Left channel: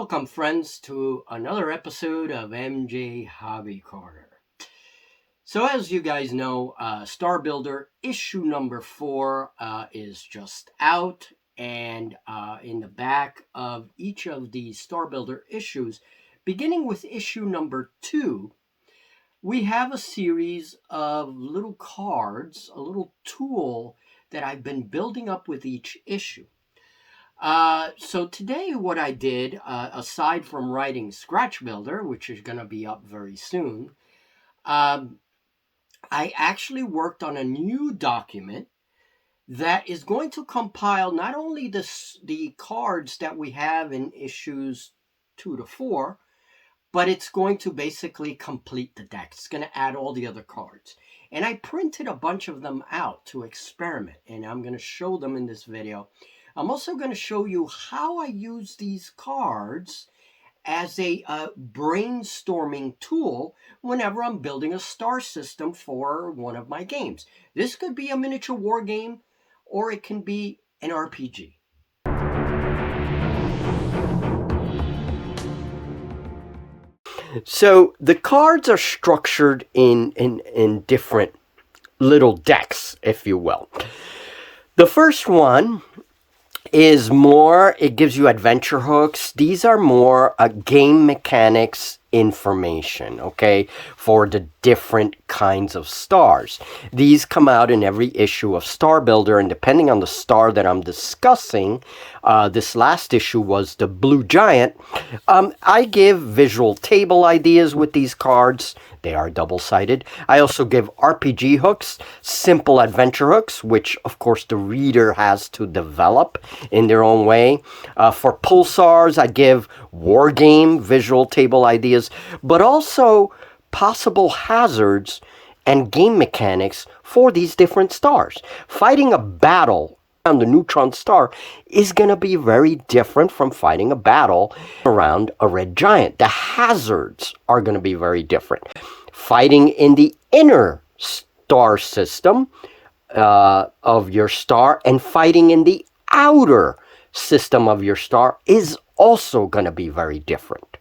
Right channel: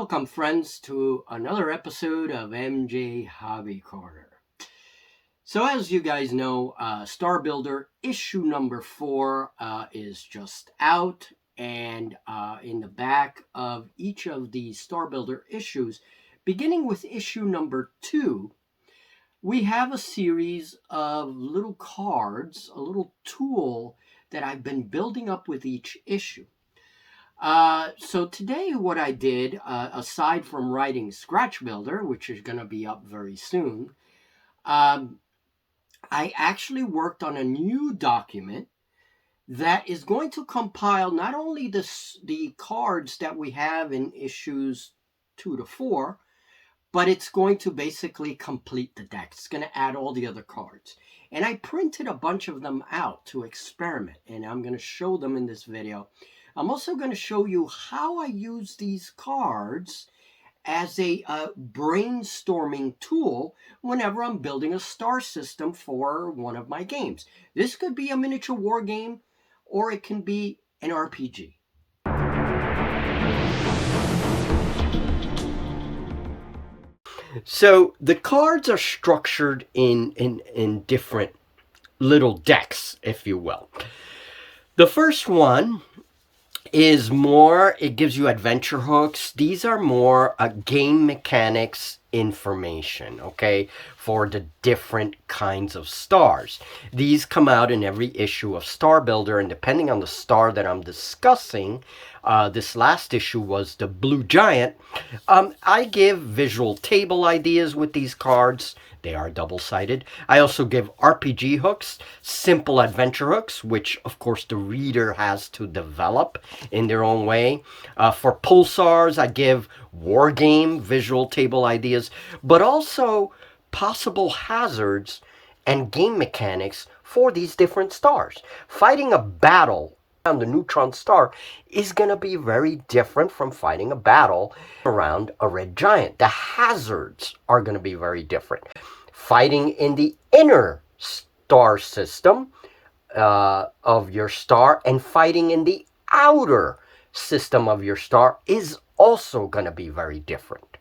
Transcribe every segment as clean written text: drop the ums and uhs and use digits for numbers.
Welcome, friends, to another episode of MJ Hobby Corner. So, as you guys know, Star Builder issue number 4 is just out, and in the back of each of the Star Builder issues, beginning with issue number 2, we have a series of little cards, a little tool that I've been building up with each issue. So today what I did, aside from writing Scratch Builder, which is going to be up very soon, I actually worked on a new document that is going to compile not only the cards that we have in issues 2 to 4, but it's going to basically complete the deck. It's going to add all the other cards. And I printed a bunch of them out to experiment, and I'm going to show them in this video. I'm also going to show you how I use these cards as a brainstorming tool whenever I'm building a star system for one of my games. This could be a miniature war game, or it can be an RPG. So the cards are structured in different little decks, if you will. The first one is more, it gives you adventure hooks. These are more game mechanics information, okay, for the different kinds of stars. These come out in every issue of Star Builder, and depending on the star that I'm discussing, this last issue was the Blue Giant. I give visual table ideas with these cards. They are double-sided. I also give RPG hooks, simple adventure hooks, which, of course, the reader has to develop in their own way. For pulsars, I give war game visual table ideas, but also possible hazards and game mechanics for these different stars. Fighting a battle on the neutron star is going to be very different from fighting a battle around a red giant. The hazards are going to be very different. Fighting in the inner star system of your star and fighting in the outer system of your star is also going to be very different.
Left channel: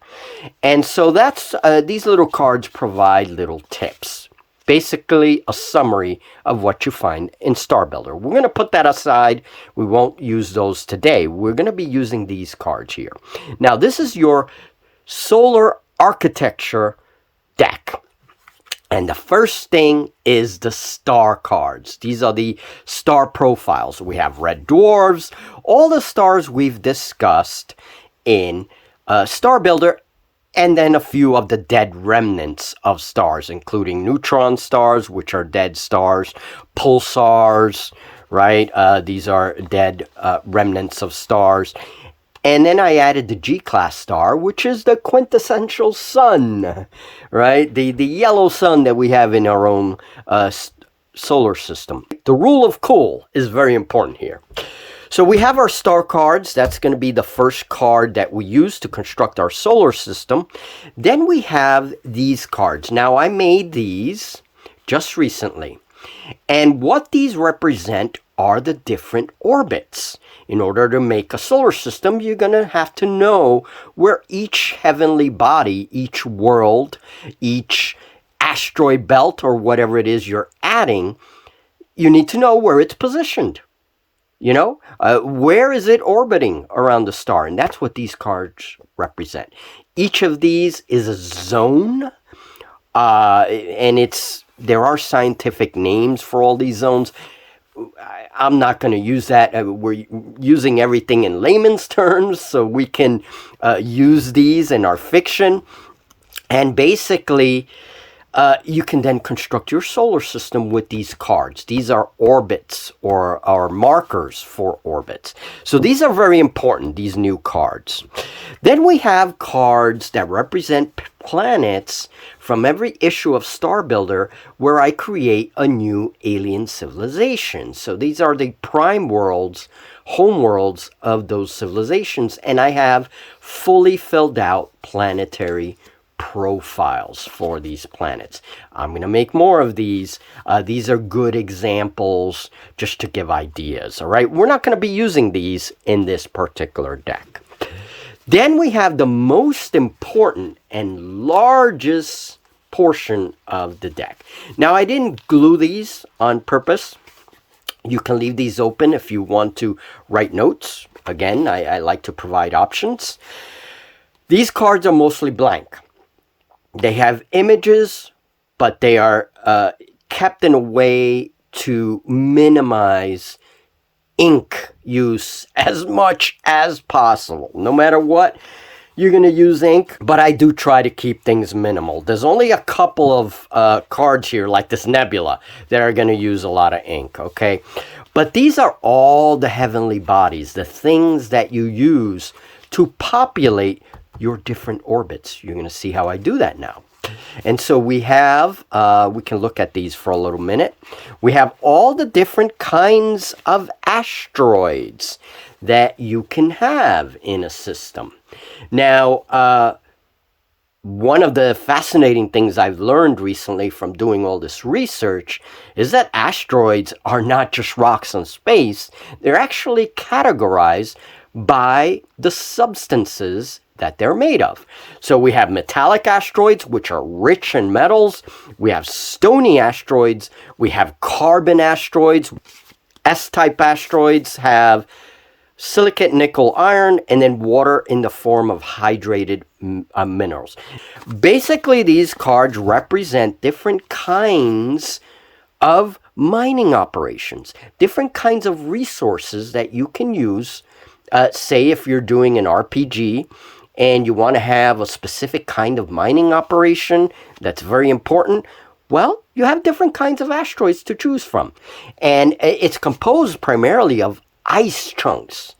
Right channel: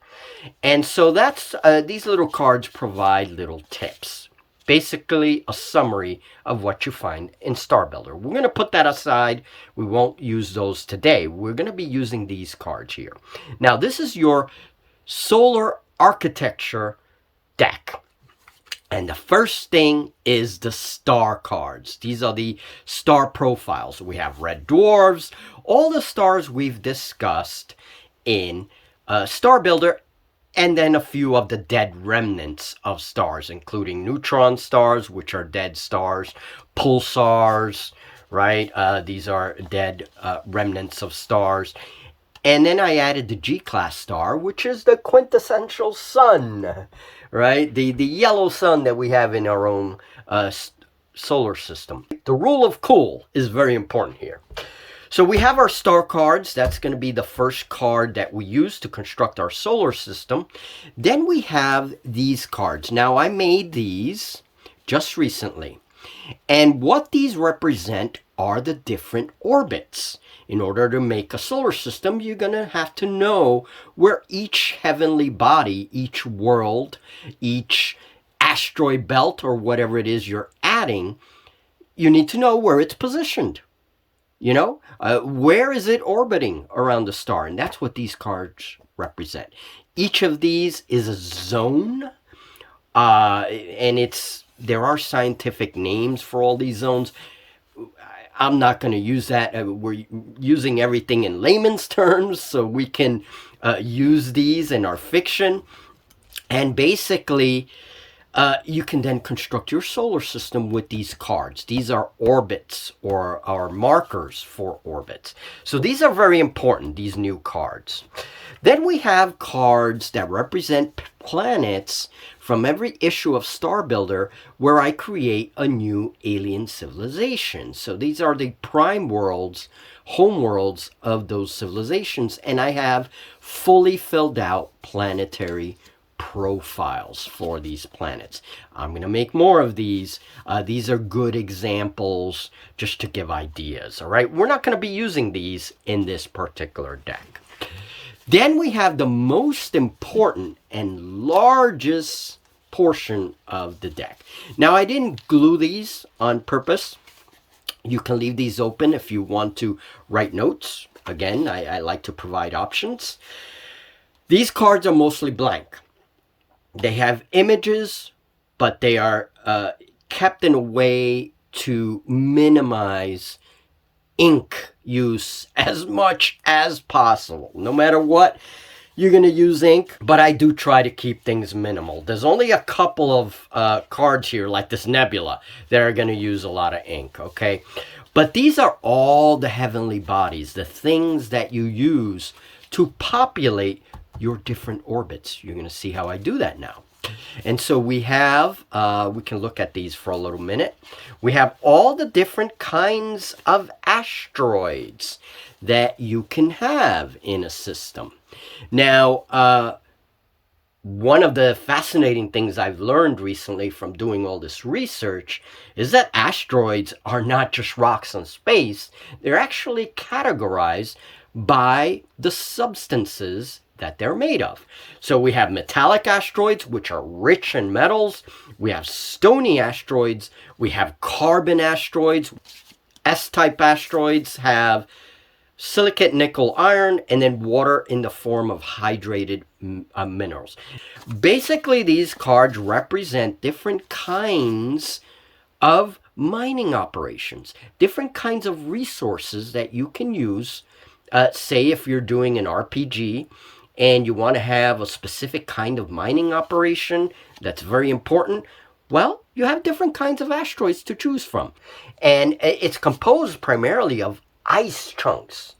And so that's these little cards provide little tips. Basically a summary of what you find in Star Builder. We're going to put that aside. We won't use those today. We're going to be using these cards here. Now, this is your solar architecture deck. And the first thing is the star cards. These are the star profiles. We have red dwarves, all the stars we've discussed in Star Builder, and then a few of the dead remnants of stars, including neutron stars, which are dead stars, pulsars, right? These are dead remnants of stars. And then I added the G-class star, which is the quintessential sun, right? The yellow sun that we have in our own solar system. The rule of cool is very important here. So we have our star cards. That's going to be the first card that we use to construct our solar system. Then we have these cards. Now, I made these just recently. And what these represent are the different orbits. In order to make a solar system, you're going to have to know where each heavenly body, each world, each asteroid belt, or whatever it is you're adding, you need to know where it's positioned. You know, where is it orbiting around the star? And that's what these cards represent. Each of these is a zone, and there are scientific names for all these zones. I'm not going to use that. We're using everything in layman's terms, so we can use these in our fiction. And basically, you can then construct your solar system with these cards. These are orbits or markers for orbits. So these are very important, these new cards. Then we have cards that represent planets from every issue of Star Builder where I create a new alien civilization. So these are the prime worlds, home worlds of those civilizations, and I have fully filled out planetary profiles for these planets. I'm going to make more of these. These are good examples just to give ideas, all right? We're not going to be using these in this particular deck. Then we have the most important and largest portion of the deck. Now, I didn't glue these on purpose. You can leave these open if you want to write notes. Again, I like to provide options. These cards are mostly blank. They have images, but they are kept in a way to minimize ink use as much as possible. No matter what, you're going to use ink, but I do try to keep things minimal. There's only a couple of cards here, like this Nebula, that are going to use a lot of ink, okay? But these are all the heavenly bodies, the things that you use to populate your different orbits. You're going to see how I do that now. And so we have, we can look at these for a little minute. We have all the different kinds of asteroids that you can have in a system. Now, one of the fascinating things I've learned recently from doing all this research is that asteroids are not just rocks in space. They're actually categorized by the substances that they're made of. So we have metallic asteroids, which are rich in metals. We have stony asteroids. We have carbon asteroids. S-type asteroids have silicate, nickel, iron, and then water in the form of hydrated minerals. Basically, these cards represent different kinds of mining operations, different kinds of resources that you can use. Say if you're doing an RPG and you want to have a specific kind of mining operation that's very important, well, you have different kinds of asteroids to choose from. And it's composed primarily of ice chunks,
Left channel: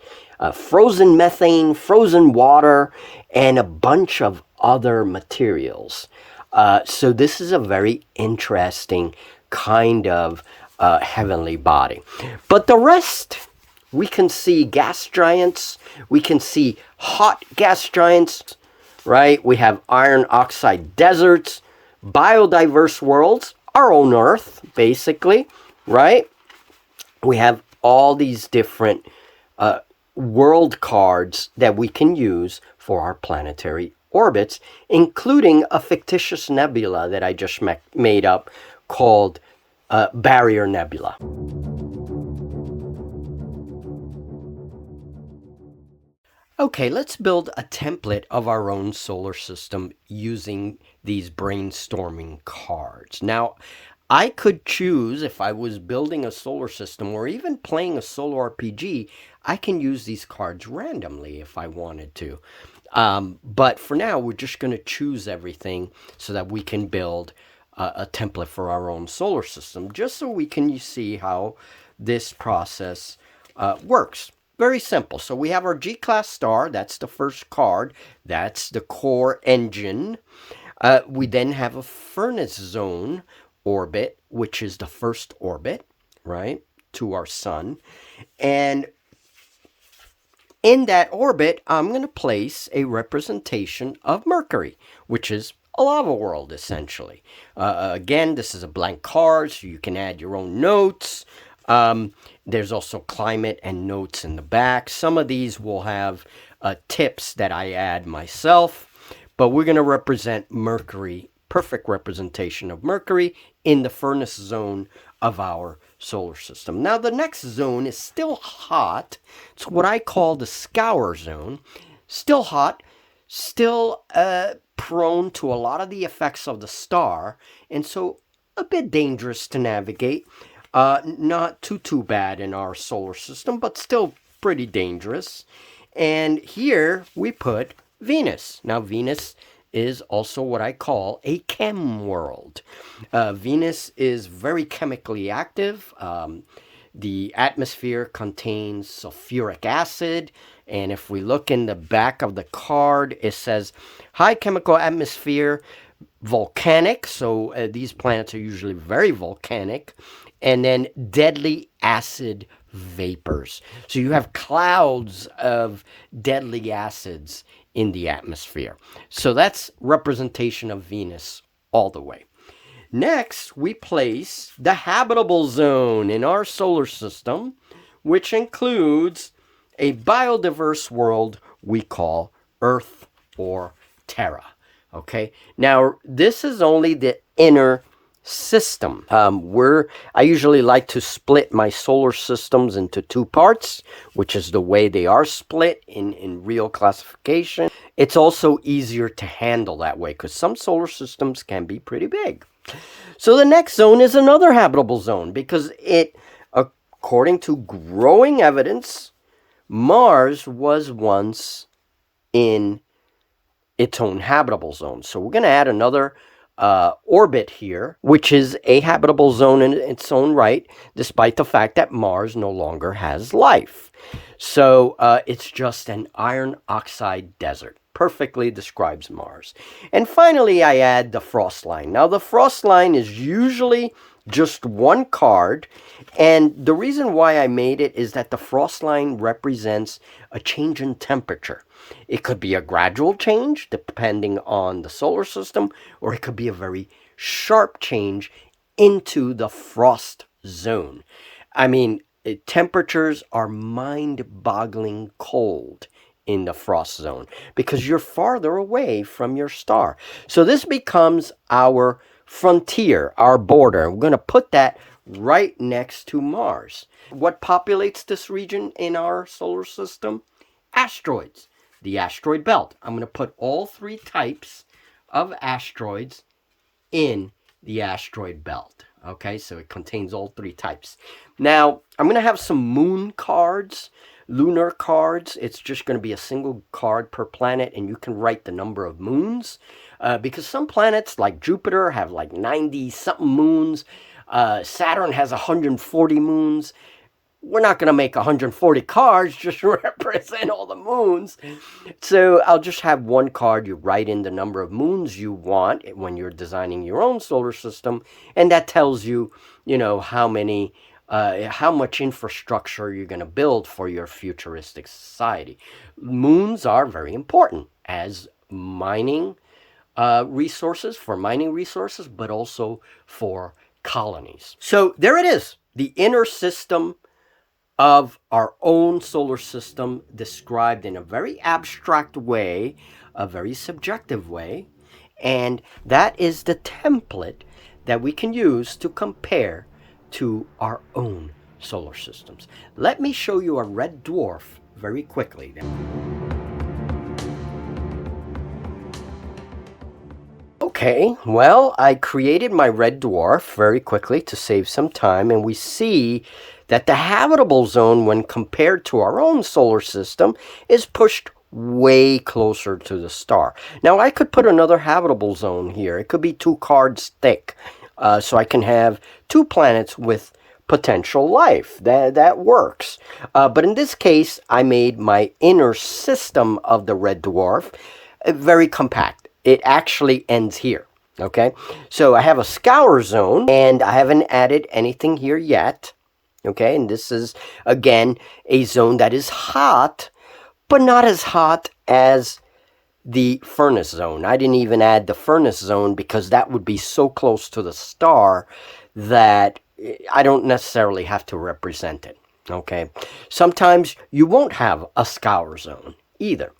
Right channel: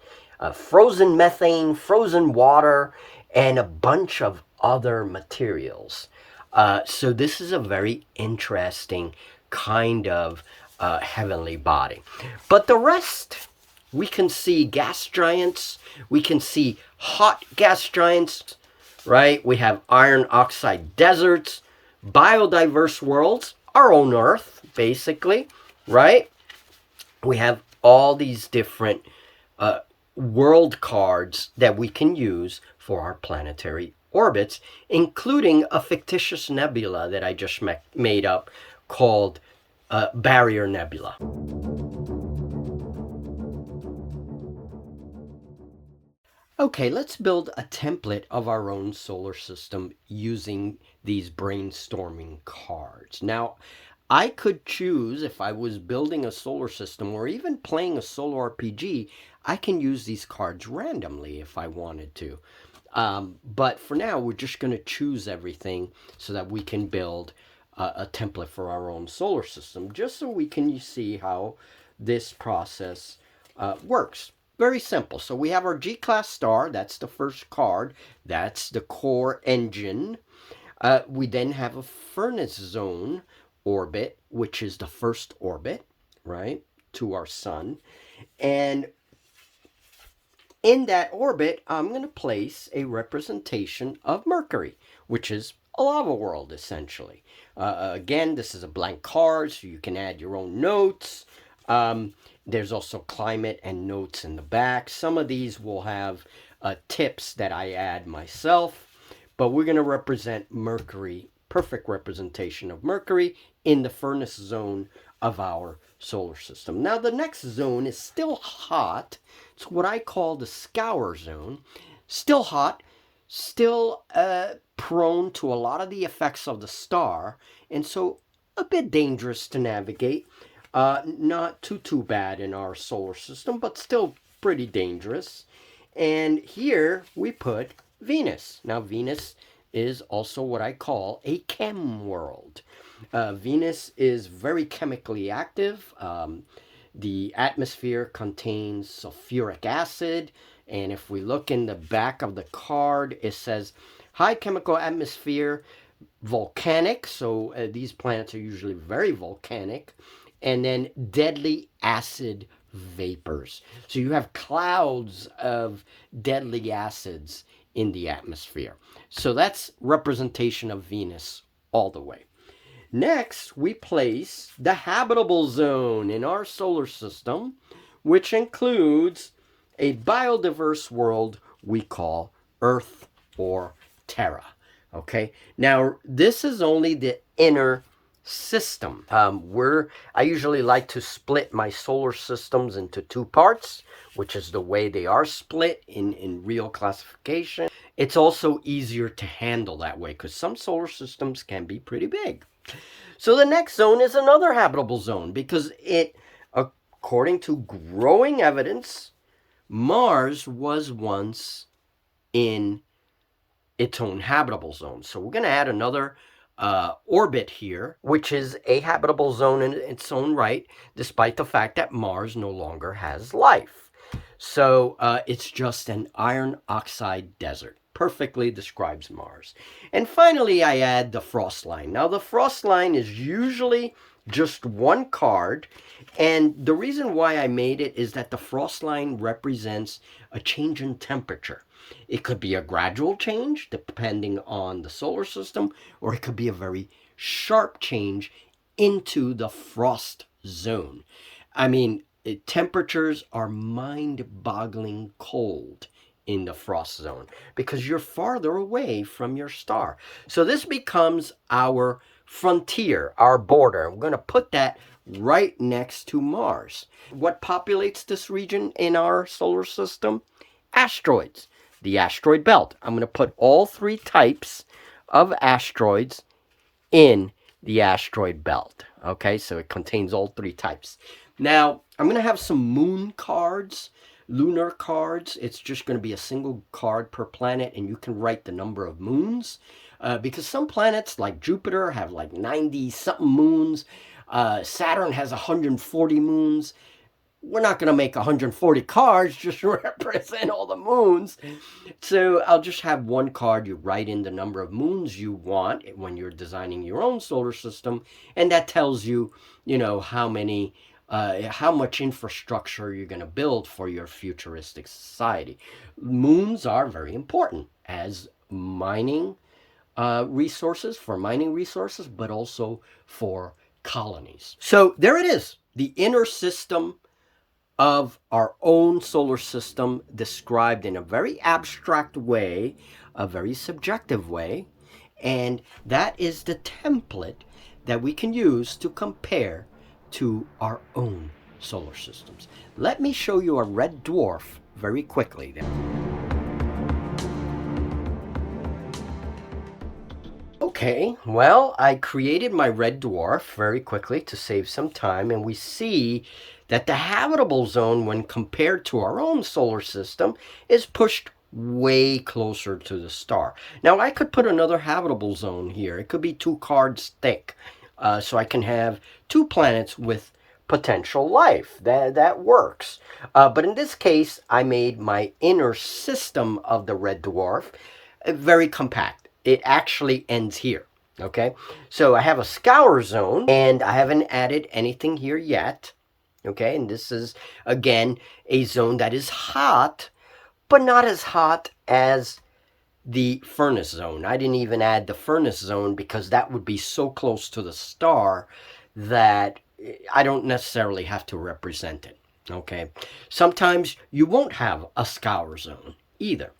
frozen methane, frozen water, and a bunch of other materials. So this is a very interesting kind of heavenly body. But the rest, we can see gas giants, we can see hot gas giants, right? We have iron oxide deserts, biodiverse worlds, our own Earth, basically, right? We have all these different world cards that we can use for our planetary orbits, including a fictitious nebula that I just made up called Barrier Nebula. Okay, let's build a template of our own solar system using these brainstorming cards. Now, I could choose, if I was building a solar system or even playing a solo RPG, I can use these cards randomly if I wanted to. But for now, we're just going to choose everything so that we can build a template for our own solar system, just so we can see how this process works. Very simple. So we have our G-class star. That's the first card. That's the core engine. We then have a furnace zone orbit, which is the first orbit, right, to our sun. And in that orbit, I'm going to place a representation of Mercury, which is a lava world, essentially. Again, this is a blank card, so you can add your own notes. There's also climate and notes in the back. Some of these will have tips that I add myself, but we're going to represent Mercury, perfect representation of Mercury in the furnace zone of our solar system. Now, the next zone is still hot. It's what I call the scour zone. Still hot, still prone to a lot of the effects of the star, and so a bit dangerous to navigate. Not too bad in our solar system, but still pretty dangerous. And here we put Venus. Now, Venus is also what I call a chem world. Venus is very chemically active. The atmosphere contains sulfuric acid, and if we look in the back of the card, it says high chemical atmosphere, volcanic. So these planets are usually very volcanic. And then deadly acid vapors. So you have clouds of deadly acids in the atmosphere. So that's representation of Venus all the way. Next, we place the habitable zone in our solar system, which includes a biodiverse world we call Earth or Terra. Okay, now this is only the inner system. I usually like to split my solar systems into two parts, which is the way they are split in real classification. It's also easier to handle that way because some solar systems can be pretty big. So the next zone is another habitable zone because according to growing evidence, Mars was once in its own habitable zone. So we're going to add another orbit here, which is a habitable zone in its own right, despite the fact that Mars no longer has life. So it's just an iron oxide desert. Perfectly describes Mars. And finally, I add the frost line. Now, the frost line is usually just one card. And the reason why I made it is that the frost line represents a change in temperature. It could be a gradual change depending on the solar system, or it could be a very sharp change into the frost zone. I mean, temperatures are mind-boggling cold in the frost zone because you're farther away from your star. So this becomes our frontier, our border. We're going to put that right next to Mars. What populates this region in our solar system? Asteroids. The asteroid belt. I'm going to put all three types of asteroids in the asteroid belt. Okay, so it contains all three types. Now, I'm going to have some moon cards, lunar cards. It's just going to be a single card per planet, and you can write the number of moons. Because some planets, like Jupiter, have like 90-something moons. Saturn has 140 moons. We're not going to make 140 cards just to represent all the moons. So I'll just have one card. You write in the number of moons you want when you're designing your own solar system. And that tells you, how much infrastructure you're going to build for your futuristic society. Moons are very important as mining resources, but also for colonies. So there it is, the inner system of our own solar system described in a very abstract way, a very subjective way, and that is the template that we can use to compare to our own solar systems. Let me show you a red dwarf very quickly. Okay, well, I created my red dwarf very quickly to save some time, and we see that the habitable zone, when compared to our own solar system, is pushed way closer to the star. Now, I could put another habitable zone here. It could be 2 cards thick, so I can have 2 planets with potential life. That works. But in this case, I made my inner system of the red dwarf very compact. It actually ends here. Okay, so I have a scour zone, and I haven't added anything here yet. Okay, and this is, again, a zone that is hot, but not as hot as the furnace zone. I didn't even add the furnace zone because that would be so close to the star that I don't necessarily have to represent it. Okay, sometimes you won't have a scour zone either.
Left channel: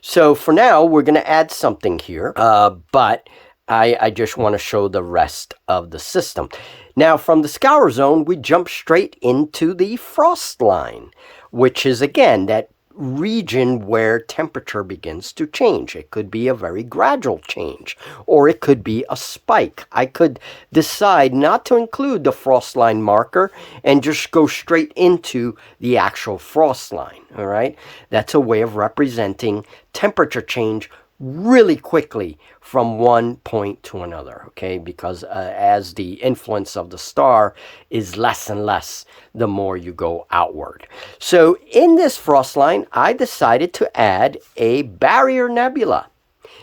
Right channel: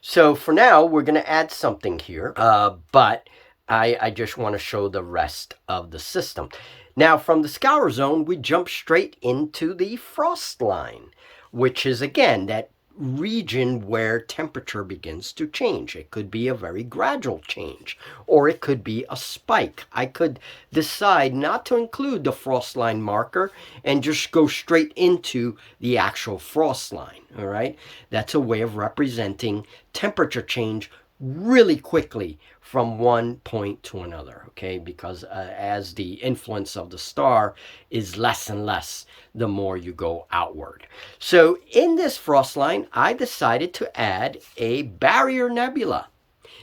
So for now, we're going to add something here, but I just want to show the rest of the system. Now, from the scour zone, we jump straight into the frost line, which is, again, that region where temperature begins to change. It could be a very gradual change, or it could be a spike. I could decide not to include the frost line marker and just go straight into the actual frost line, all right? That's a way of representing temperature change really quickly from one point to another, okay? Because as the influence of the star is less and less the more you go outward. So in this frost line, I decided to add a barrier nebula.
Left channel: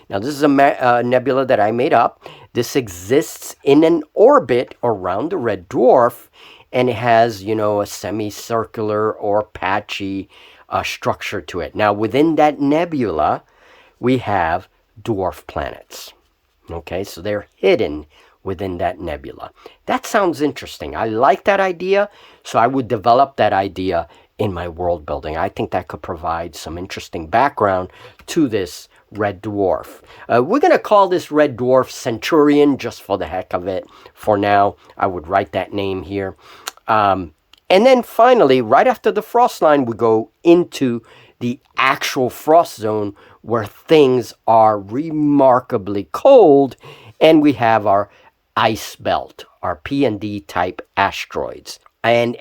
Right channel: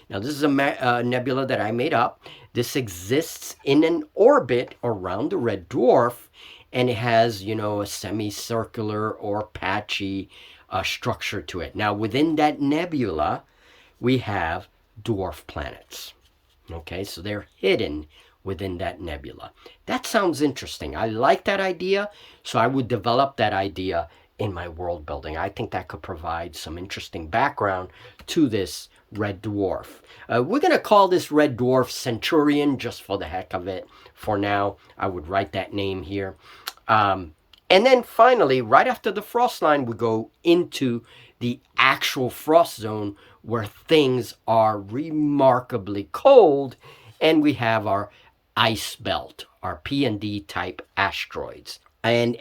Now, this is a nebula that I made up. This exists in an orbit around the red dwarf, and it has, a semicircular or patchy structure to it. Now, within that nebula, we have dwarf planets. Okay, so they're hidden within that nebula. That sounds interesting. I like that idea, so I would develop that idea in my world building. I think that could provide some interesting background to this red dwarf. We're going to call this red dwarf Centurion just for the heck of it. For now, I would write that name here. And then finally, right after the frost line, we go into the actual frost zone where things are remarkably cold, and we have our ice belt, our P&D type asteroids. And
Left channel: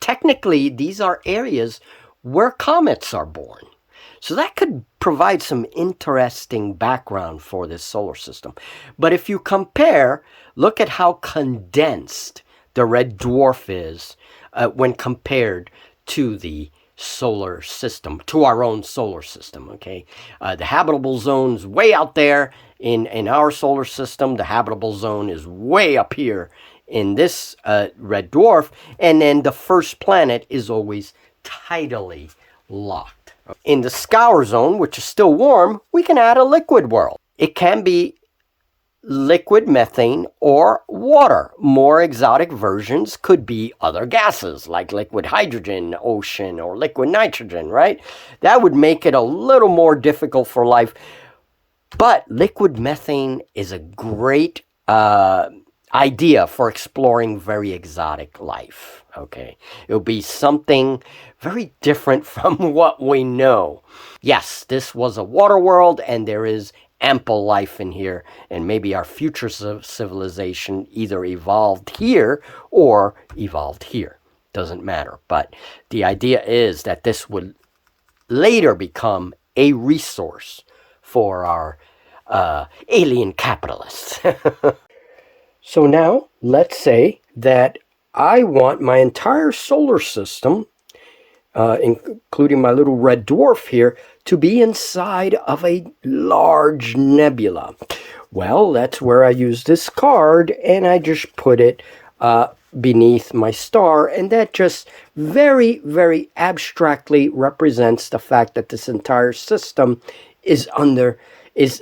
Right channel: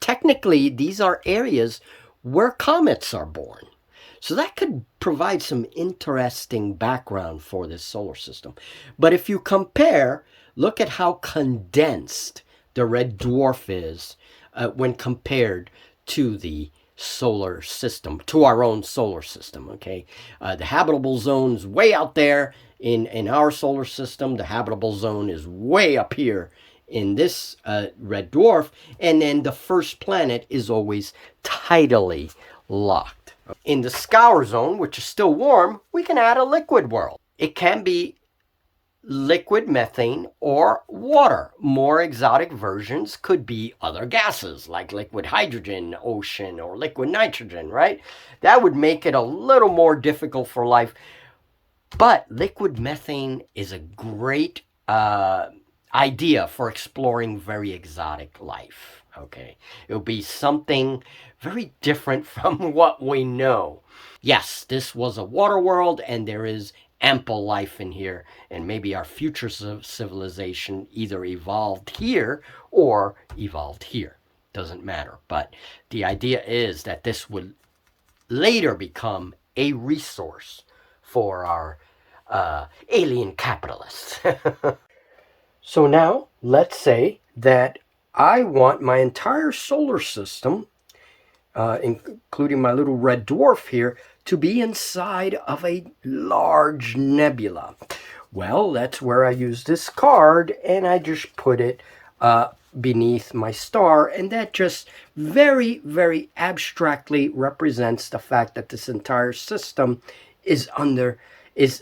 technically, these are areas where comets are born. So that could provide some interesting background for this solar system. But if you compare, look at how condensed the red dwarf is when compared to the solar system, to our own solar system, okay? The habitable zone's way out there in our solar system. The habitable zone is way up here in this red dwarf. And then the first planet is always tidally locked. In the scour zone, which is still warm, we can add a liquid world. It can be liquid methane or water. More exotic versions could be other gases like liquid hydrogen, ocean, or liquid nitrogen, right? That would make it a little more difficult for life. But liquid methane is a great idea for exploring very exotic life, okay? It'll be something very different from what we know. Yes, this was a water world, and there is ample life in here, and maybe our future civilization either evolved here or evolved here. Doesn't matter. But the idea is that this would later become a resource for our alien capitalists. So now, let's say that I want my entire solar system, including my little red dwarf here, to be inside of a large nebula. Well, that's where I use this card, and I just put it beneath my star, and that just very, very abstractly represents the fact that this entire system is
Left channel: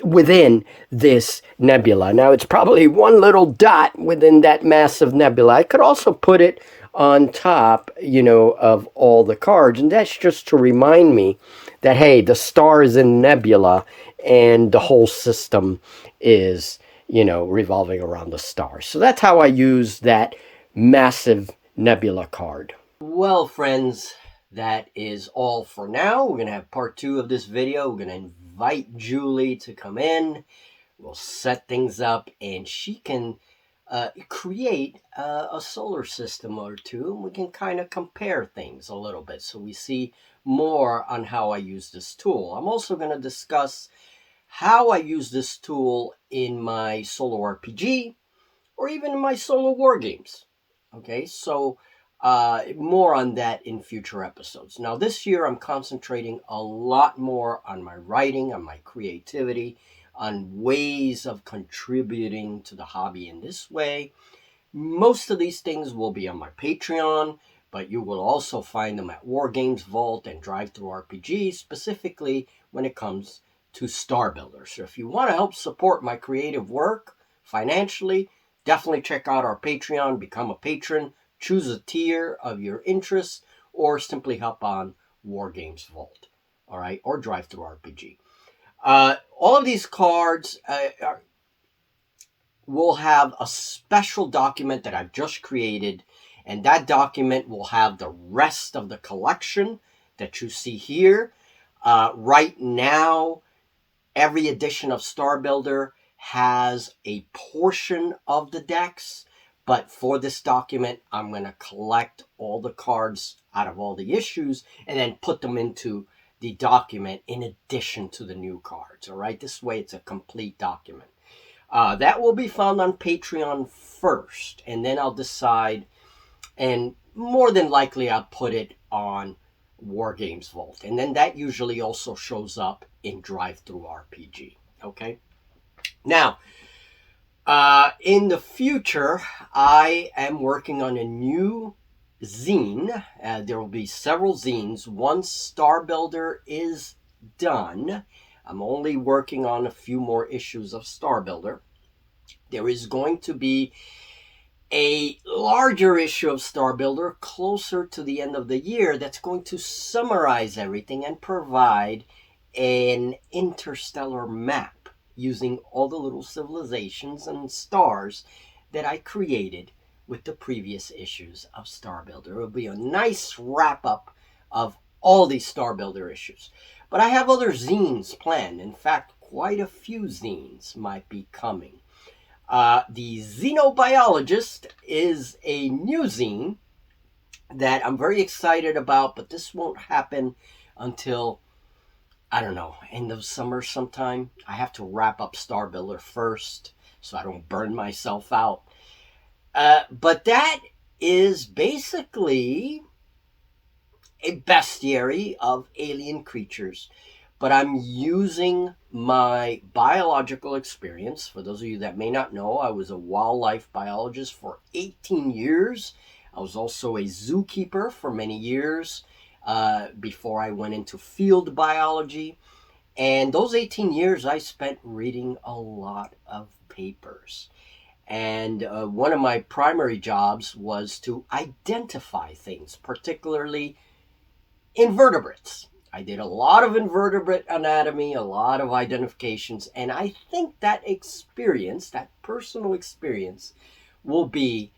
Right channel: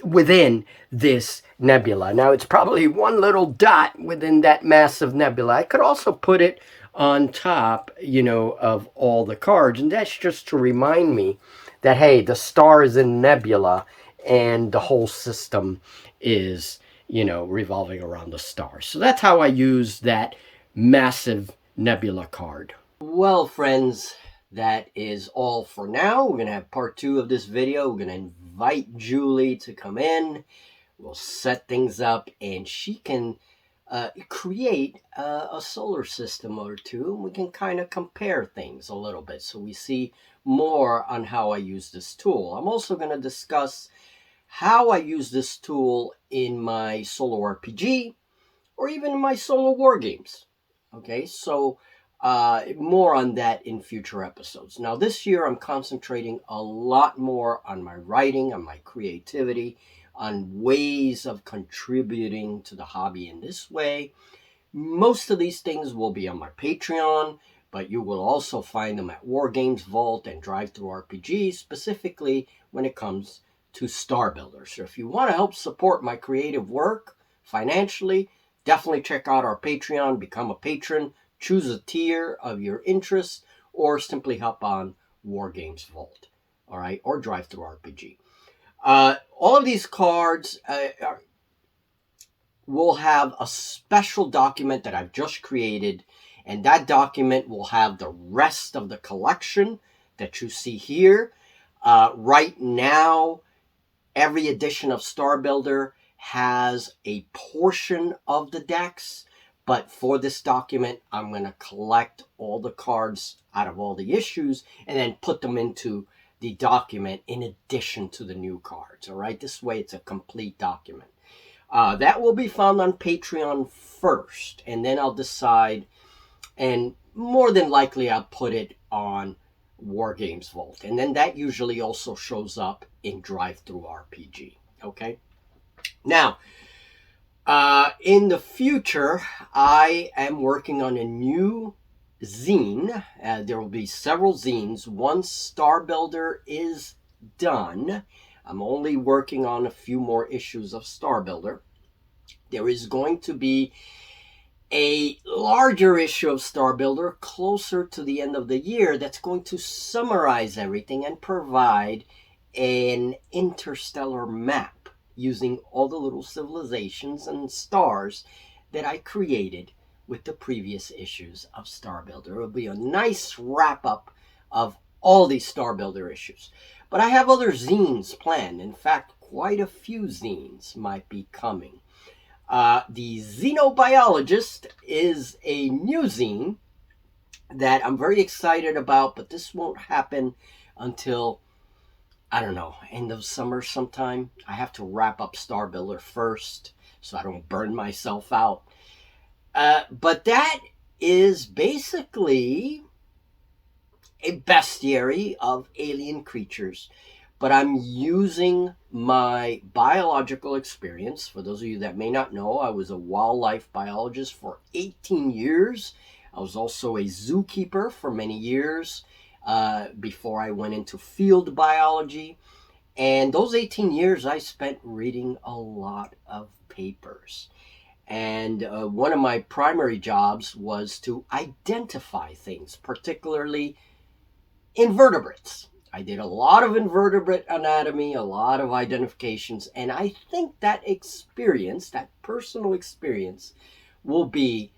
within this nebula. Now, it's probably one little dot within that massive nebula. I could also put it on top, of all the cards, and that's just to remind me that, hey, the star is in nebula, and the whole system is, revolving around the star. So that's how I use that massive nebula card. Well, friends, that is all for now. We're going to have part 2 of this video. We're going to invite Julie to come in. We'll set things up, and she can create a solar system or two, and we can kind of compare things a little bit so we see more on how I use this tool. I'm also going to discuss how I use this tool in my solo RPG or even in my solo war games. Okay, so more on that in future episodes. Now, this year I'm concentrating a lot more on my writing, on my creativity, on ways of contributing to the hobby in this way. Most of these things will be on my Patreon, but you will also find them at War Games Vault and Drive-Thru-RPG, specifically when it comes to Star Builder. So if you want to help support my creative work financially, definitely check out our Patreon, become a patron, choose a tier of your interest, or simply hop on War Games Vault, all right, or Drive-Thru-RPG. All of these cards will have a special document that I've just created, and that document will have the rest of the collection that you see here. Right now, every edition of Star Builder has a portion of the decks, but for this document, I'm going to collect all the cards out of all the issues and then put them into the document in addition to the new cards, all right? This way, it's a complete document. That will be found on Patreon first, and then I'll decide, and more than likely, I'll put it on War Games Vault, and then that usually also shows up in Drive-Thru-RPG, okay? Now, in the future, I am working on a new zine. There will be several zines. Once Star Builder is done, I'm only working on a few more issues of Star Builder. There is going to be a larger issue of Star Builder closer to the end of the year that's going to summarize everything and provide an interstellar map using all the little civilizations and stars that I created with the previous issues of Star Builder. It will be a nice wrap up of all these Star Builder issues. But I have other zines planned. In fact, quite a few zines might be coming. The Xenobiologist is a new zine that I'm very excited about, but this won't happen until, I don't know, end of summer sometime. I have to wrap up Star Builder first so I don't burn myself out. But that is basically a bestiary of alien creatures. But I'm using my biological experience. For those of you that may not know, I was a wildlife biologist for 18 years. I was also a zookeeper for many years before I went into field biology. And those 18 years I spent reading a lot of papers. And one of my primary jobs was to identify things, particularly invertebrates. I did a lot of invertebrate anatomy, a lot of identifications, and I think that experience, that personal experience, will be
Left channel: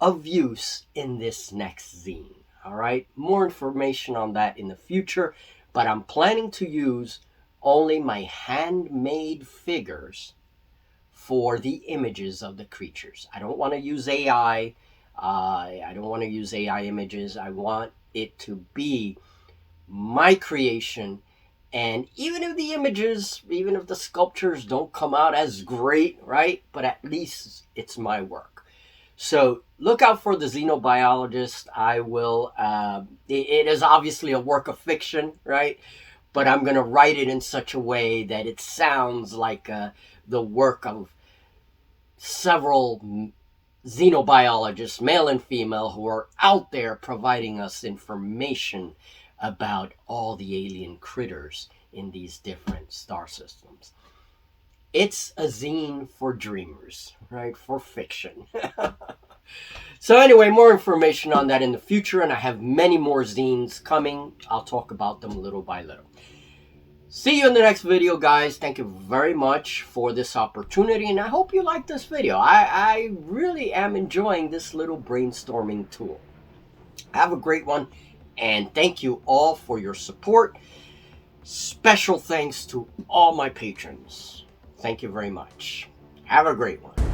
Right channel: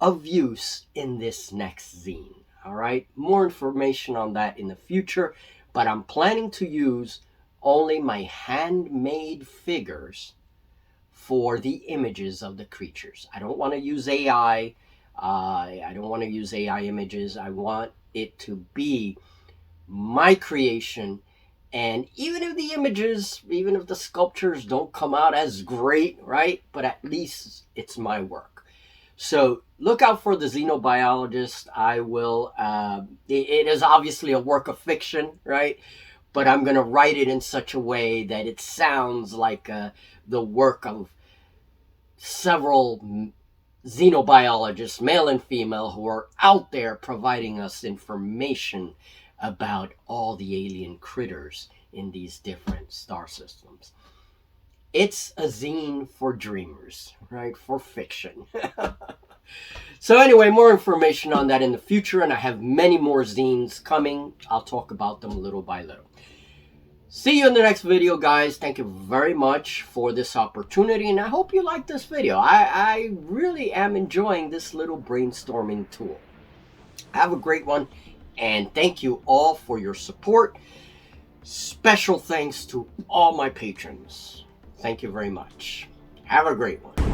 of use in this next zine. All right, more information on that in the future, but I'm planning to use only my handmade figures for the images of the creatures. I don't want to use AI. I don't want to use AI images. I want it to be my creation. And even if the images, even if the sculptures don't come out as great, right? But at least it's my work. So look out for the Xenobiologist. I will, it is obviously a work of fiction, right? But I'm going to write it in such a way that it sounds like the work of several xenobiologists, male and female, who are out there providing us information about all the alien critters in these different star systems. It's a zine for dreamers, right? For fiction. So anyway, more information on that in the future, and I have many more zines coming. I'll talk about them little by little. See you in the next video, guys. Thank you very much for this opportunity, and I hope you like this video. I really am enjoying this little brainstorming tool. Have a great one, and thank you all for your support. Special thanks to all my patrons. Thank you very much. Have a great one.